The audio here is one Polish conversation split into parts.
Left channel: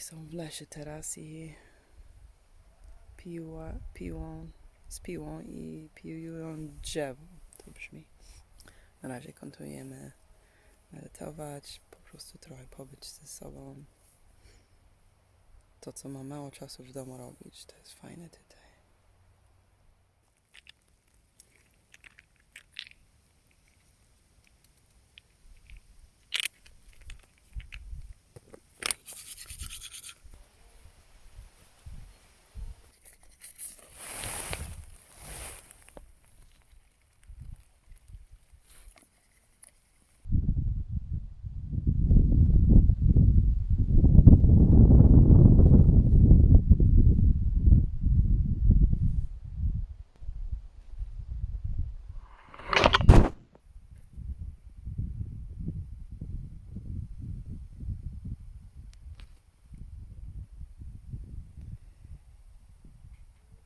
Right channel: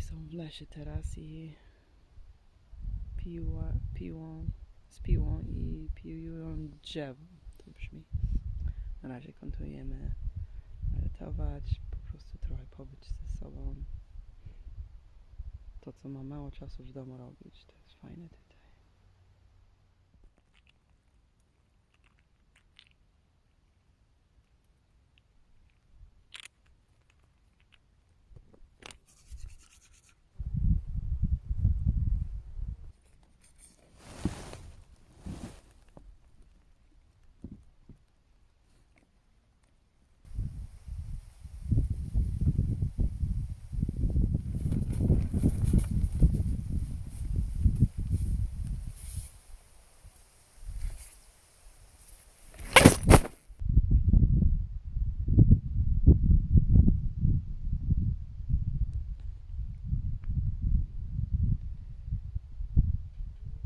Są w lesie teraz i piła, piłą, i piłują drzewo. To brzmi. Na razie kontynuujemy medytować, po prostu trochę pobyć ze sobą. To, co mam mało czasu w domu robić, to jest fajne tutaj.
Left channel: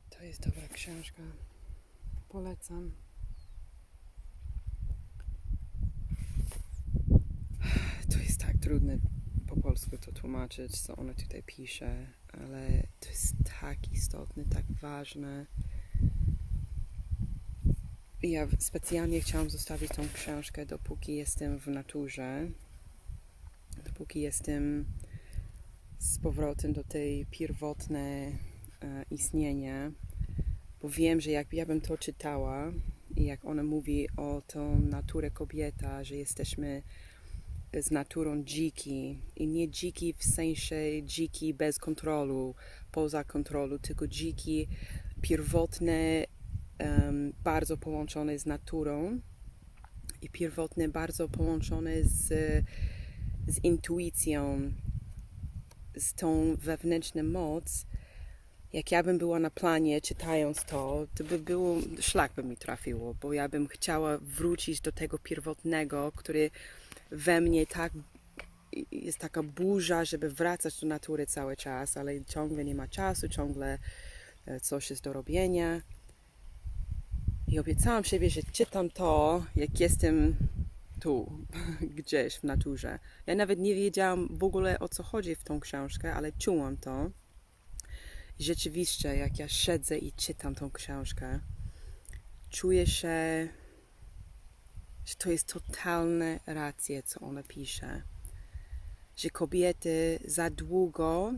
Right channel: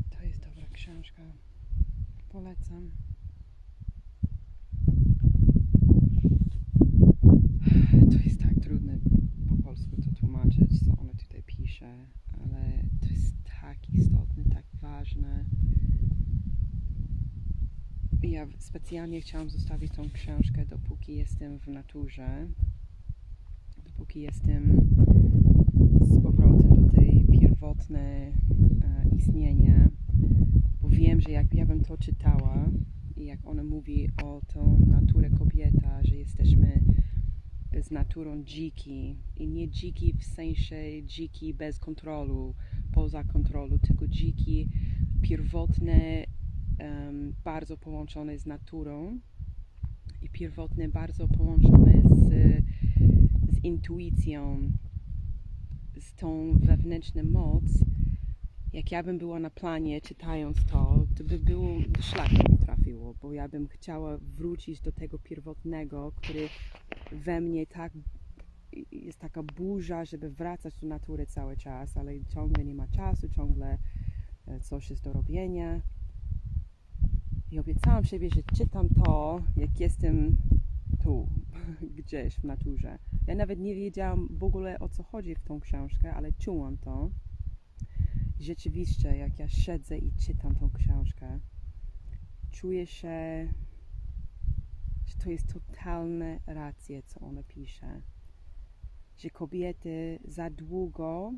To jest dobra książka. Polecam. To jest tak trudne po polsku to tłumaczyć, co ona tutaj pisze, ale to jest tak istotne, tak ważne. Ja specjalnie chciałam zostawić tą książkę, dopóki jestem w naturze, dopóki jestem z powrotem do tej pierwotnej e, istnienia, wiem, że jak ja bym to czytała i jak ona mówi o tą naturę kobieta, że jesteśmy z naturą dziki i nie dziki w sensie dziki bez kontrolu, poza kontrolą, tylko dziki pierwotne, em, bardzo połączone z naturą i pierwotne bardzo połączone z, z intuicją, z tą wewnętrzną moc, jak ja bym była na planie czytając to, to by było, szlak by mi trafiło, bo ja bym chciała wrócić do tego pierwotnego, który we mnie tak jest taka burza, żeby wracać do natury cały czas, ale ciągle nie ma czasu, ciągle e, coś jest do robienia. I obiecałam sobie, że czytam to, jak jestem tu, gdzieś w naturze. Ja nawet nie wiedziałam w ogóle o co chodzi w tą książkę, ale czułam to. Rzeczywiście, jak ja siedzę i czytam tą książkę, czuję się, że to jest totalne racje, co ona pisze. Że kobiety za długo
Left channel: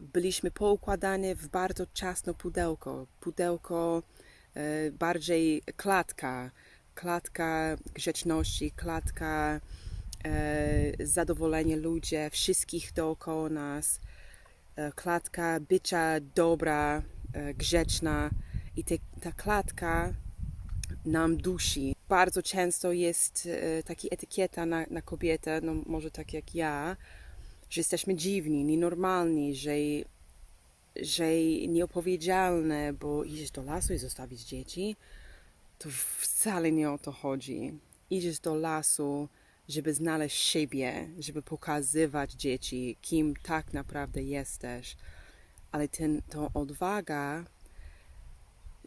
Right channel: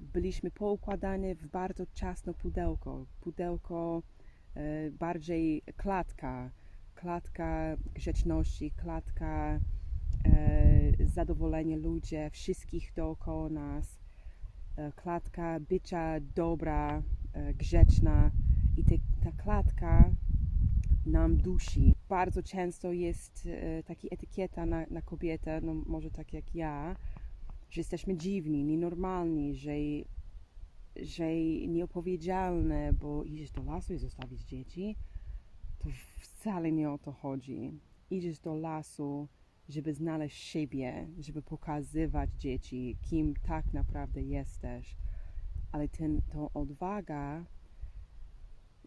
byliśmy poukładane w bardzo ciasno pudełko. Pudełko e, bardziej klatka, klatka grzeczności, klatka e, zadowolenia ludzi, wszystkich dookoła nas, klatka bycia dobra, e, grzeczna i te, ta klatka nam dusi. Bardzo często jest e, taka etykieta na, na kobietę, no może tak jak ja, że jesteśmy dziwni, nienormalni, że, że nieopowiedzialne, bo idziesz do lasu i zostawić dzieci, to wcale nie o to chodzi. Idziesz do lasu, żeby znaleźć siebie, żeby pokazywać dzieci, kim tak naprawdę jesteś. Ale ten, tą odwaga,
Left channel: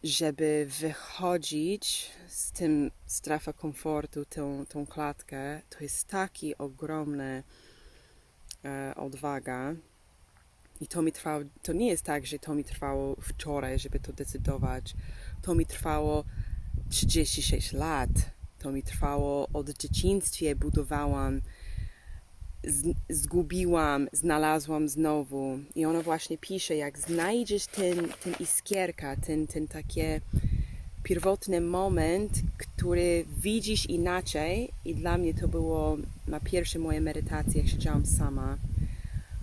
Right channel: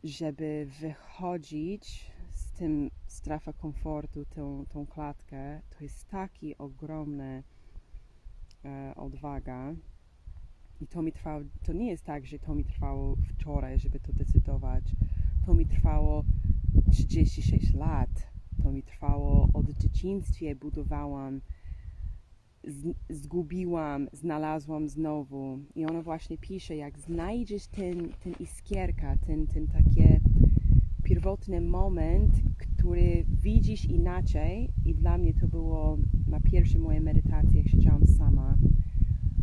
żeby wychodzić z tym strefa komfortu, tą, tą klatkę, to jest taki ogromny e, odwaga. I to mi trwało, to nie jest tak, że to mi trwało wczoraj, żeby to decydować. To mi trwało 36 lat. To mi trwało od dzieciństwie, budowałam, zgubiłam, znalazłam znowu. I ona właśnie pisze, jak znajdziesz ten, ten iskierka, ten, ten takie pierwotny moment, który widzisz inaczej i dla mnie to było na pierwsze moje medytacje, jak siedziałam sama.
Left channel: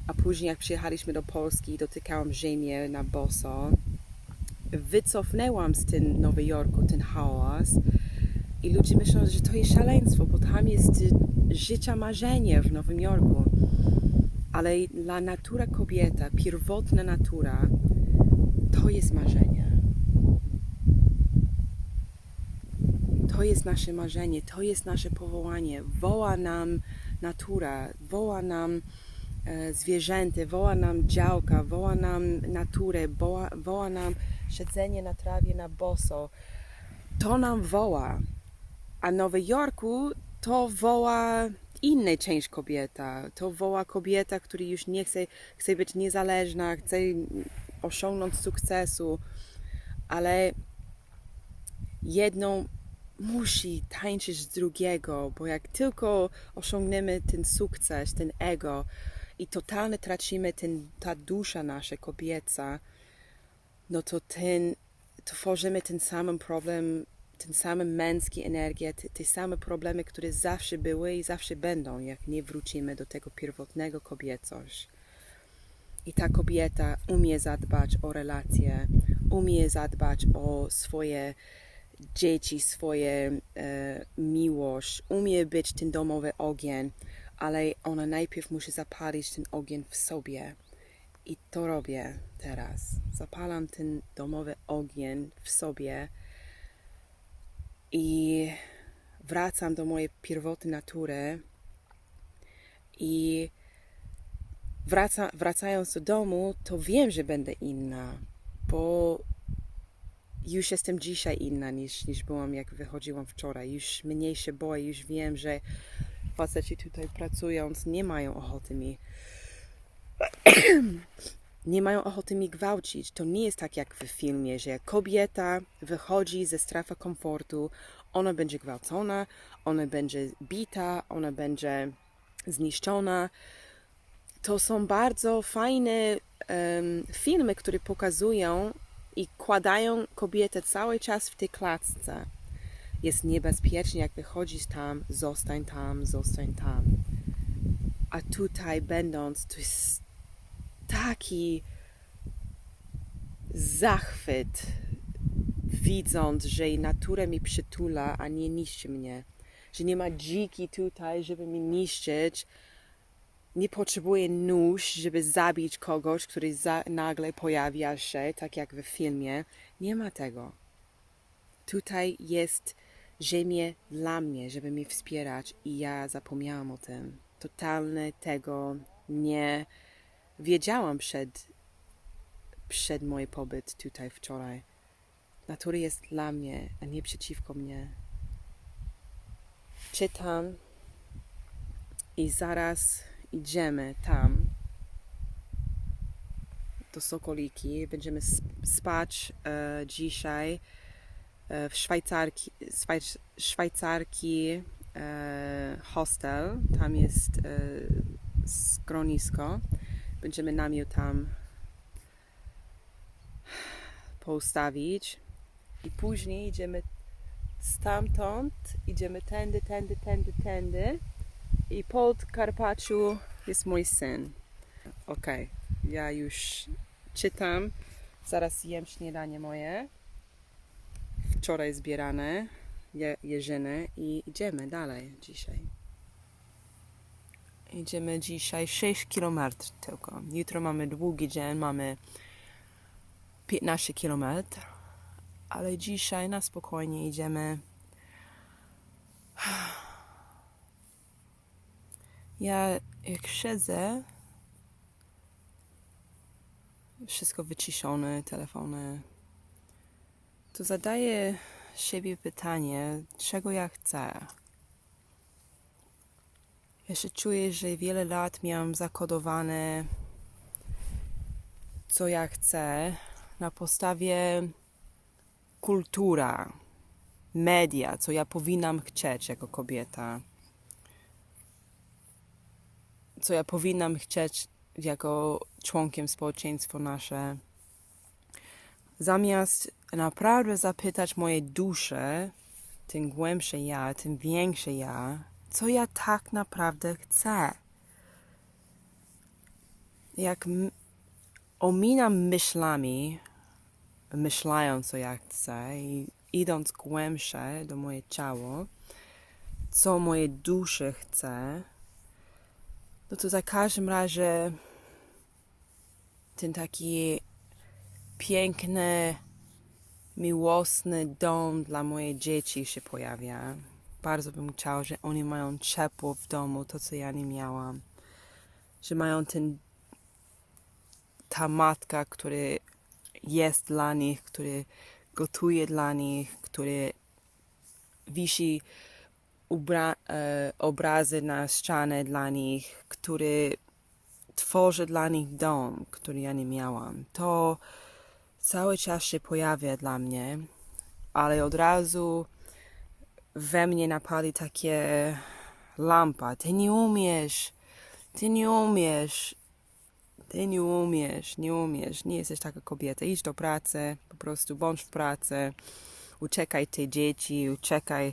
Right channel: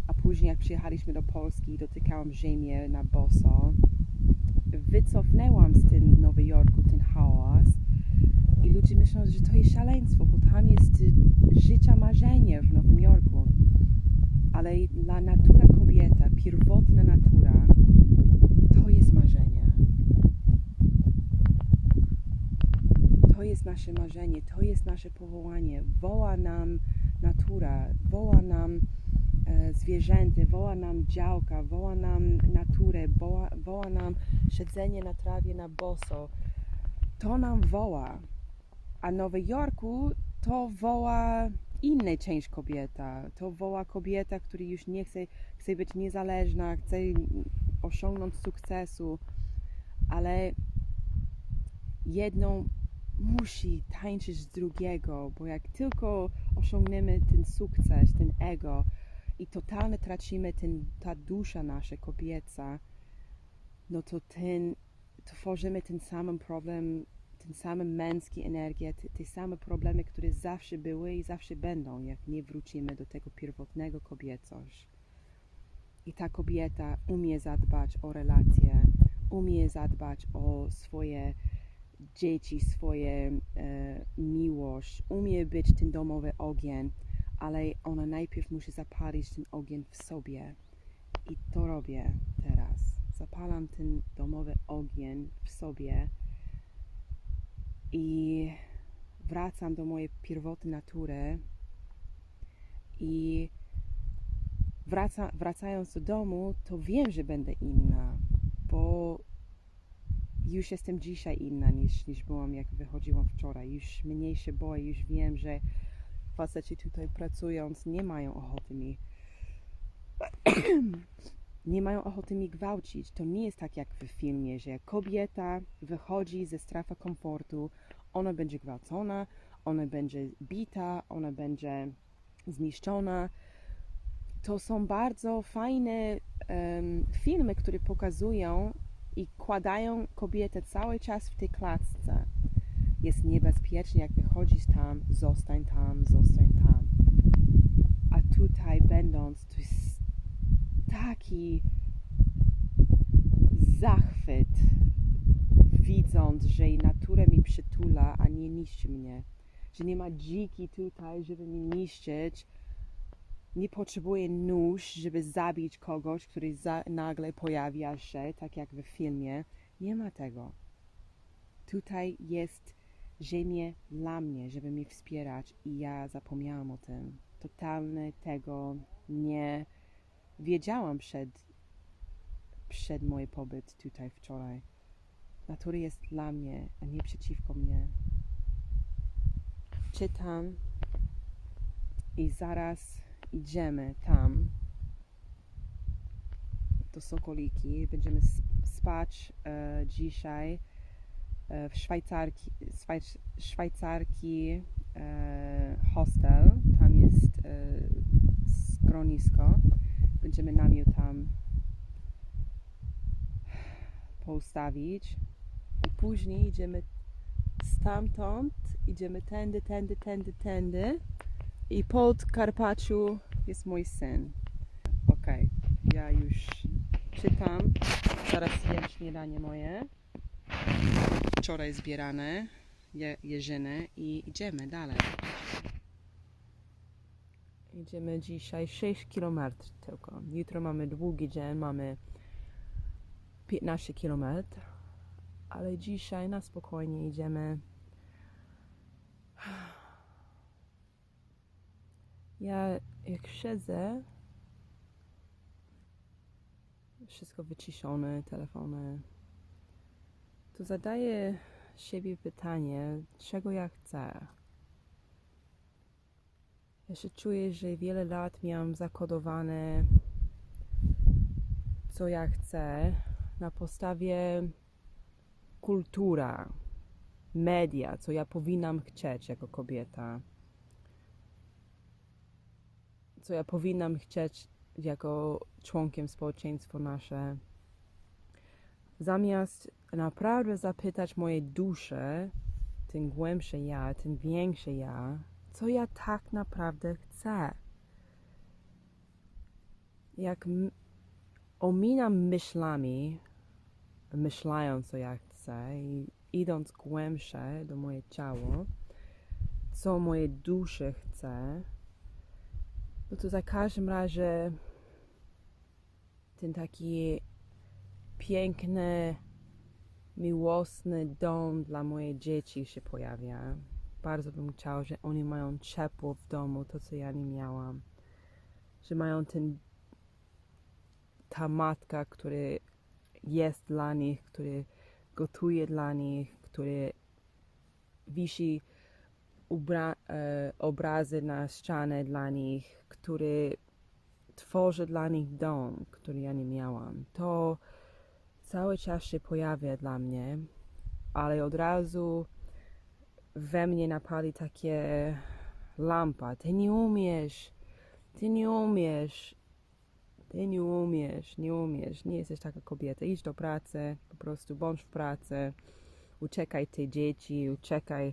A później jak przyjechaliśmy do Polski i dotykałam ziemię na boso, wycofnęłam z tym Nowy Jorku ten hałas i ludzie myślą, że to jest szaleństwo, bo tam jest y, życia marzenie w Nowym Jorku. Ale dla natura kobieta, pierwotna natura, to jest marzenie. To jest nasze marzenie, to jest nasze powołanie. Woła nam natura, woła nam e, zwierzęta, woła nam działka, woła nam naturę, woła, woła nam siedzenie na trawie na boso. To nam woła. A Nowy Jorku to woła inna część kobieta. To woła kobieta, która już nie chce, chce być niezależna, chce osiągnąć sukcesu, ale jedną musi tańczyć z drugiego, bo jak tylko osiągniemy ten sukces, ten ego i totalnie tracimy ten, ta dusza nasza kobieca, no to ten, tworzymy ten sam problem, ten sam męski energię, te, te same problemy, które zawsze były i zawsze będą, jak nie wrócimy do tego pierwotnego kobiecość. I ta kobieta umie zadbać o relacje, umie zadbać o swoje dzieci, swoje e, miłość, umie być ten domowy ogień, ale ona najpierw musi zapalić ten ogień w sobie. I to robię teraz. Zapalam ten domowy ogień w sobie i wracam do mojej pierwotnej natury i wraca, wracając do domu, to wiem, że będę inna, bo już jestem dzisiaj inna niż, niż byłam, jak wychodziłam wczoraj. Już mniej się boję, już wiem, że faceci tutaj pracując nie mają ochoty mi nie mają ochoty mi gwałcić. To nie jest tak jak w filmie, że kobieta wychodzi ze strefy komfortu, ona będzie gwałcona, ona będzie bita, ona będzie zniszczona. To są bardzo fajne em, filmy, które pokazują i kładają kobietę cały czas w tej klatce. Jest niebezpiecznie, jak wychodzisz tam, zostań tam, zostań tam. A tutaj będąc, to jest taki zachwyt, widząc, że natura mi przytula, a nie niszczy mnie. Że nie ma dziki tutaj, żeby mi niszczyć. Nie potrzebuję nóż, żeby zabić kogoś, który za, nagle pojawia się, tak jak w filmie. Nie ma tego. Tutaj jest ziemię dla mnie, żeby mnie wspierać i ja zapomniałam o tym. Totalnie tego nie wiedziałam przed, przed mój pobyt tutaj wczoraj. Natura jest dla mnie, a nie przeciwko mnie. Czytam i zaraz idziemy tam do Sokoliki. Będziemy sp- spać e, dzisiaj e, w Szwajcarki, Szwajc- Szwajcarki e, hostel. Tam jest e, schronisko. Będziemy namiot tam poustawić. I później idziemy stamtąd, idziemy tędy, tędy, tędy, tędy. I pod Karpaczu jest mój syn. Okej, ja już czytam. Zaraz jem śniadanie moje. Wczoraj zbierane je, jeżyny i idziemy dalej. Idziemy dzisiaj 6 km tylko. Jutro mamy długi dzień, mamy 15 km, ale dzisiaj na spokojnie idziemy. Ja jak siedzę, wszystko wyciszone, telefony, to zadaję siebie pytanie, czego ja chcę. Się czuję, że wiele lat miałam zakodowane, co ja chcę, na podstawie kultura, media, co ja powinnam chcieć jako kobieta, co ja powinnam chcieć jako członkiem społeczeństwa nasze. Zamiast naprawdę zapytać mojej duszy, ten głębsze ja, ten większe ja, co ja tak naprawdę chcę. Jak ominam myślami, myślając, co ja chcę i idąc głębsze do moje ciało, co moje duszy chce, no to za każdym razie ten taki piękny, miłosny dom dla moich dzieci się pojawia. Bardzo bym chciała, że oni mają ciepło w domu, to co ja nie miałam. Że mają ten ta matka, który jest dla nich, który gotuje dla nich, który wisi ubra- e, obrazy na ścianę dla nich, który tworzy dla nich dom, który ja nie miałam. To cały czas się pojawia dla mnie, ale od razu we mnie napali takie lampa. Ty nie umiesz, ty nie umiesz, ty nie umiesz, nie umiesz, nie jesteś taka kobieta. Idź do pracy, po prostu bądź w pracy, uciekaj te dzieci, uciekaj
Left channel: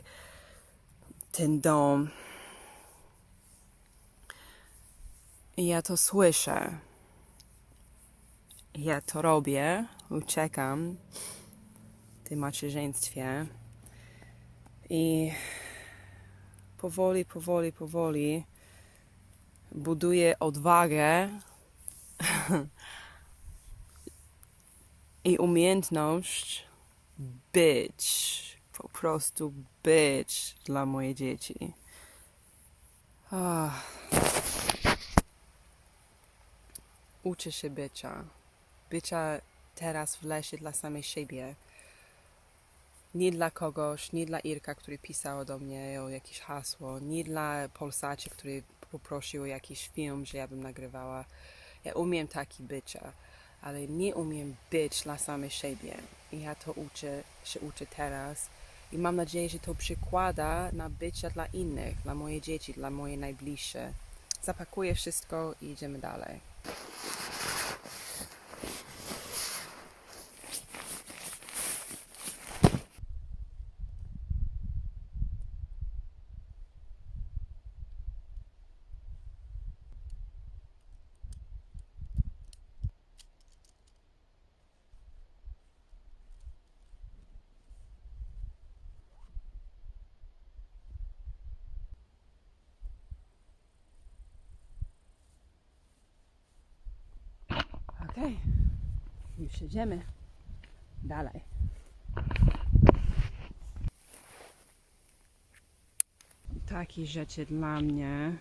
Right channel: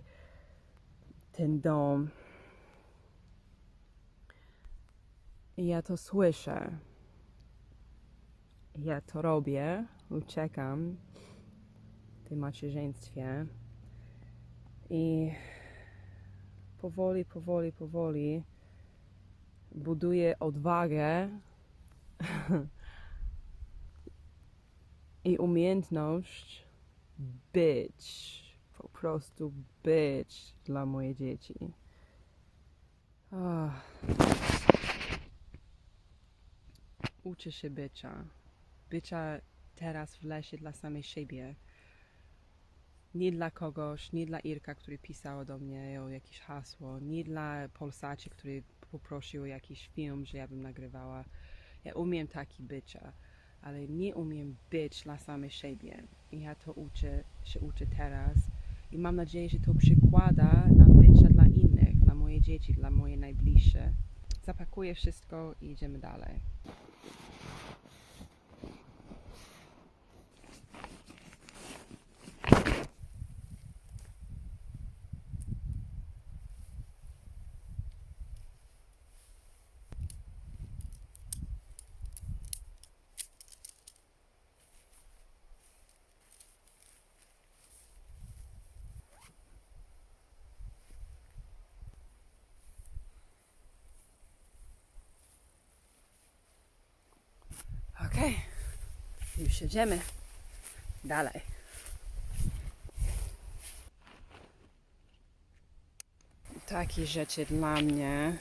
ten dom. Ja to słyszę. Ja to robię, uciekam w tym macierzyństwie. I powoli, powoli, powoli buduję odwagę i umiejętność być, po prostu być dla moje dzieci. Ah. Uczę się bycia. Bycia teraz w lesie dla samej siebie. Nie dla kogoś, nie dla Irka, który pisał do mnie o jakieś hasło, nie dla Polsacie, który poprosił o jakiś film, że ja bym nagrywała. Ja umiem taki bycia, ale nie umiem być dla samej siebie. I ja to uczę, się uczę teraz. I mam nadzieję, że to przykłada na bycia dla innych, dla moje dzieci, dla moje najbliższe. Zapakuję wszystko i idziemy dalej. Okej, już jedziemy dalej. Takie rzeczy dla mnie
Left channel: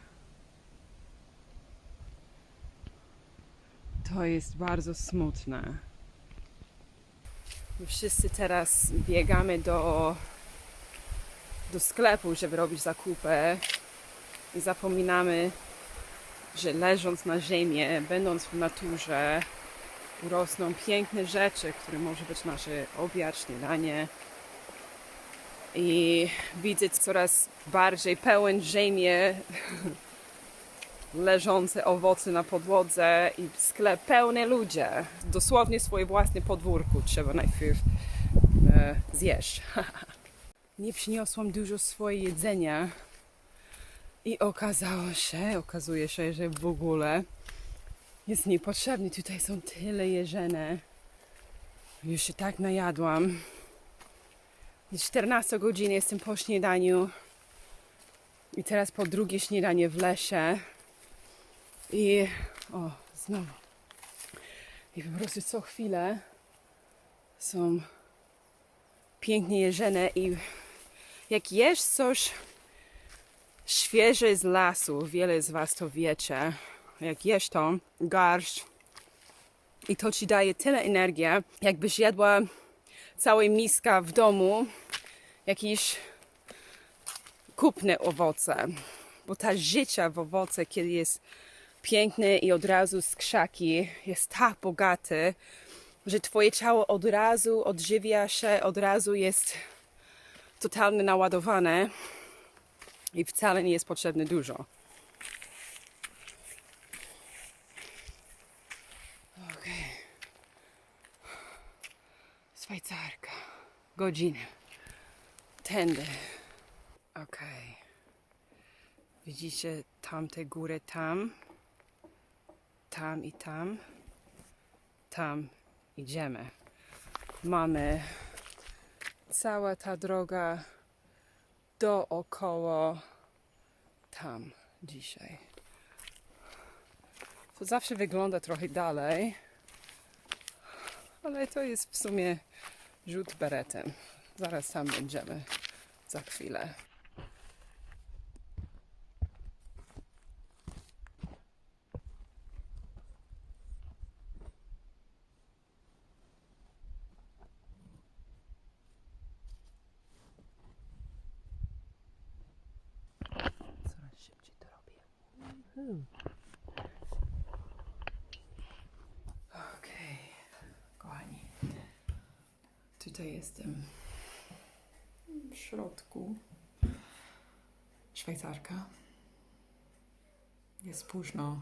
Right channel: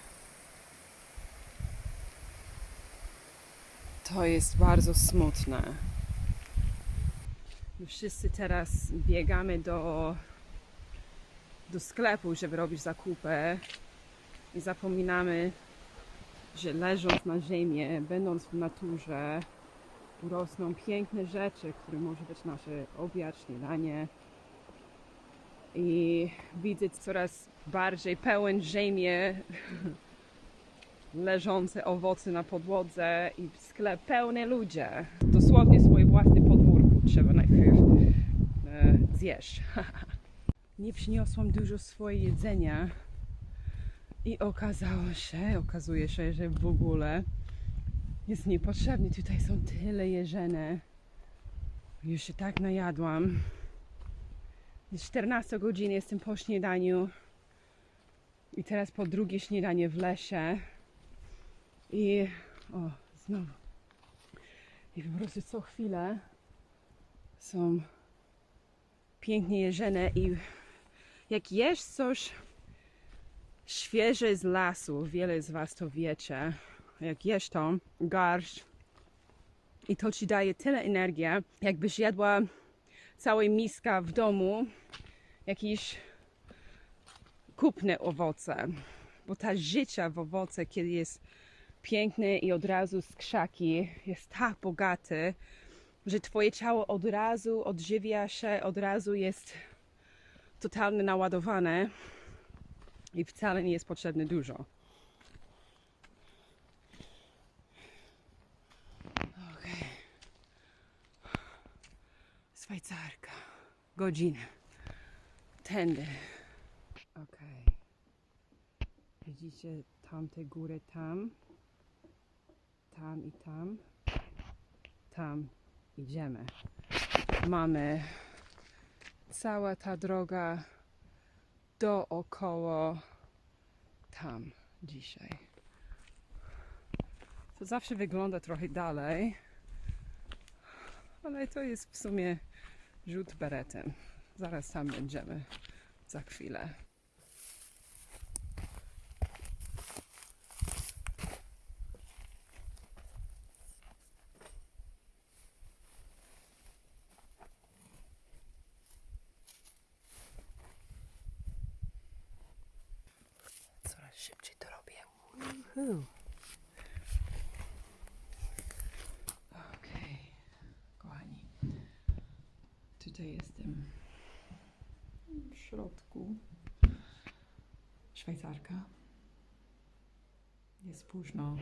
to jest bardzo smutne. My wszyscy teraz biegamy do, do sklepu, żeby robić zakupy zapominamy, że leżąc na ziemię, będąc w naturze, urosną piękne rzeczy, które może być nasze obiad, śniadanie. I widzę coraz bardziej pełen ziemię, leżące owoce na podłodze i sklep pełny ludzie. Dosłownie swoje własne podwórku trzeba najpierw e, zjeść. Nie przyniosłam dużo swojego jedzenia i okazało się, okazuje się, że w ogóle jest niepotrzebny. Tutaj są tyle jeżene. Już się tak najadłam. Jest 14 godzin, jestem po śniadaniu. I teraz po drugie śniadanie w lesie. I o, znowu. I po prostu co chwilę są pięknie jeżene i jak jesz coś świeże z lasu, wiele z Was to wiecie, jak jesz to, garść i to Ci daje tyle energii, jakbyś jadła całej miska w domu jakieś kupne owoce, bo ta życia w owoce, kiedy jest piękny i od razu z krzaki, jest tak bogaty, że Twoje ciało od razu odżywia się, od razu jest totalnie naładowane i wcale nie jest potrzebne dużo. Szwajcarka. Godzinę. Tędy. Okej. Widzicie tamte góry tam? Tam i tam. Tam idziemy. Mamy cała ta droga dookoła tam dzisiaj. To zawsze wygląda trochę dalej, ale to jest w sumie rzut beretem. Zaraz tam będziemy za chwilę. Okej, kochani. Tutaj jestem w środku. Szwajcarka. Jest późno.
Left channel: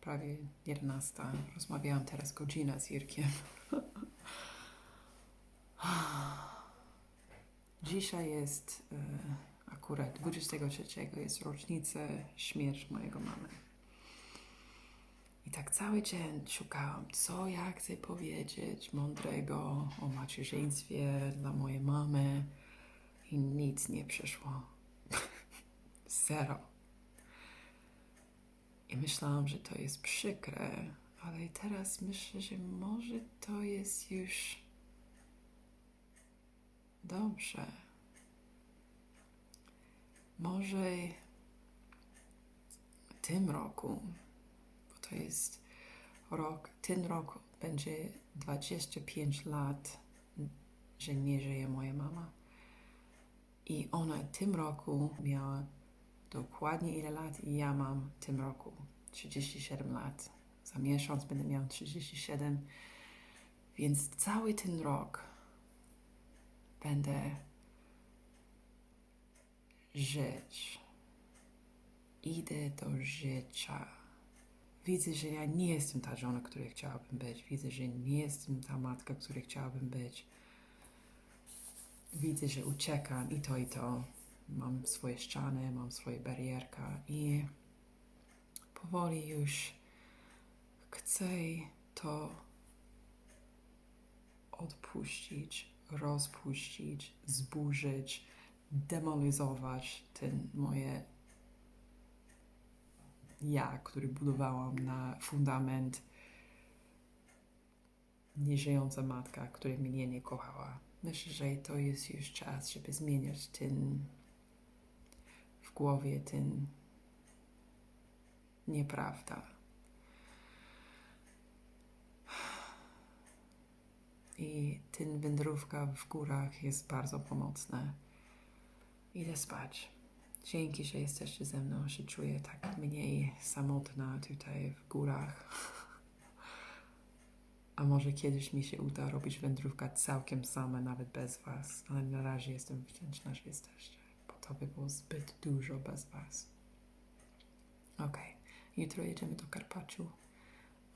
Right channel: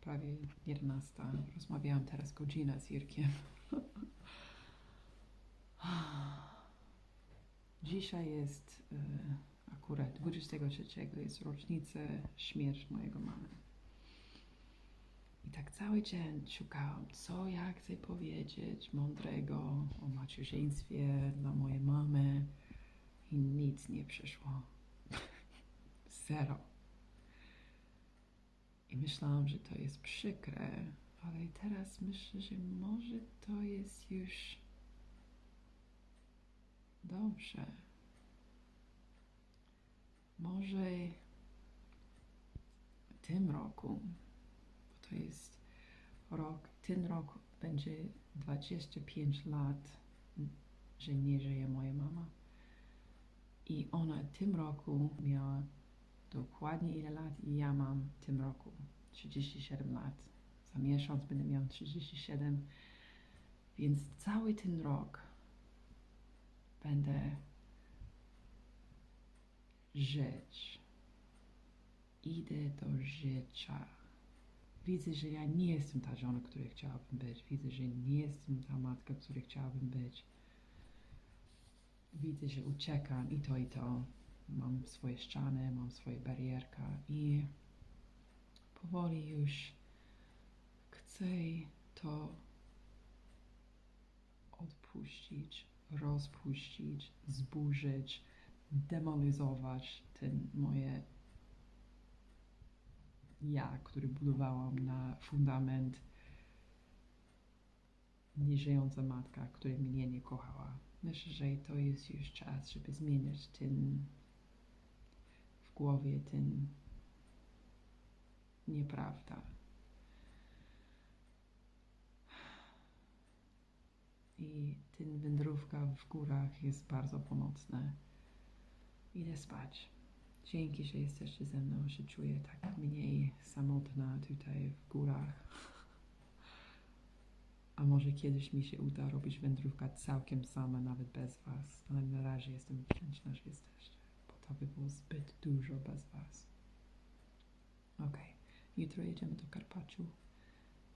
Prawie 11. Rozmawiałam teraz godzinę z Irkiem. Dzisiaj jest e, akurat 23 jest rocznica śmierci mojego mamy. I tak cały dzień szukałam, co ja chcę powiedzieć mądrego o macierzyństwie dla mojej mamy i nic nie przyszło. Zero. I myślałam, że to jest przykre, ale teraz myślę, że może to jest już dobrze. Może w tym roku, bo to jest rok, ten rok będzie 25 lat, że nie żyje moja mama. I ona w tym roku miała dokładnie ile lat ja mam w tym roku 37 lat. Za miesiąc będę miał 37, więc cały ten rok będę żyć. Idę do życia. Widzę, że ja nie jestem ta żona, której chciałabym być. Widzę, że nie jestem ta matka, której chciałabym być. Widzę, że uciekam i to, i to. Mam swoje ściany, mam swoje barierka i powoli już chcę to odpuścić, rozpuścić, zburzyć, demolizować ten moje ja, który budowałam na fundament nieżyjąca matka, która mnie nie kochała. Myślę, że to jest już czas, żeby zmieniać ten w głowie, ten nieprawda. I ten wędrówka w górach jest bardzo pomocna. Idę spać. Dzięki, że jesteście ze mną, się czuję tak mniej samotna tutaj w górach. A może kiedyś mi się uda robić wędrówkę całkiem sama, nawet bez Was, ale na razie jestem wdzięczna, że jesteście, to by było zbyt dużo bez Was. Ok, jutro jedziemy do Karpaczu.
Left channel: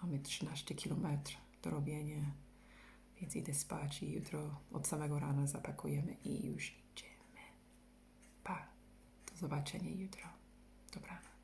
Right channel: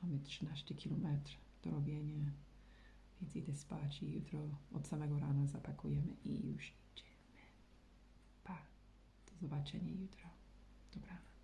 Mamy 13 km do robienia, więc idę spać i jutro od samego rana zapakujemy i już idziemy. Pa, do zobaczenia jutro. Dobranoc.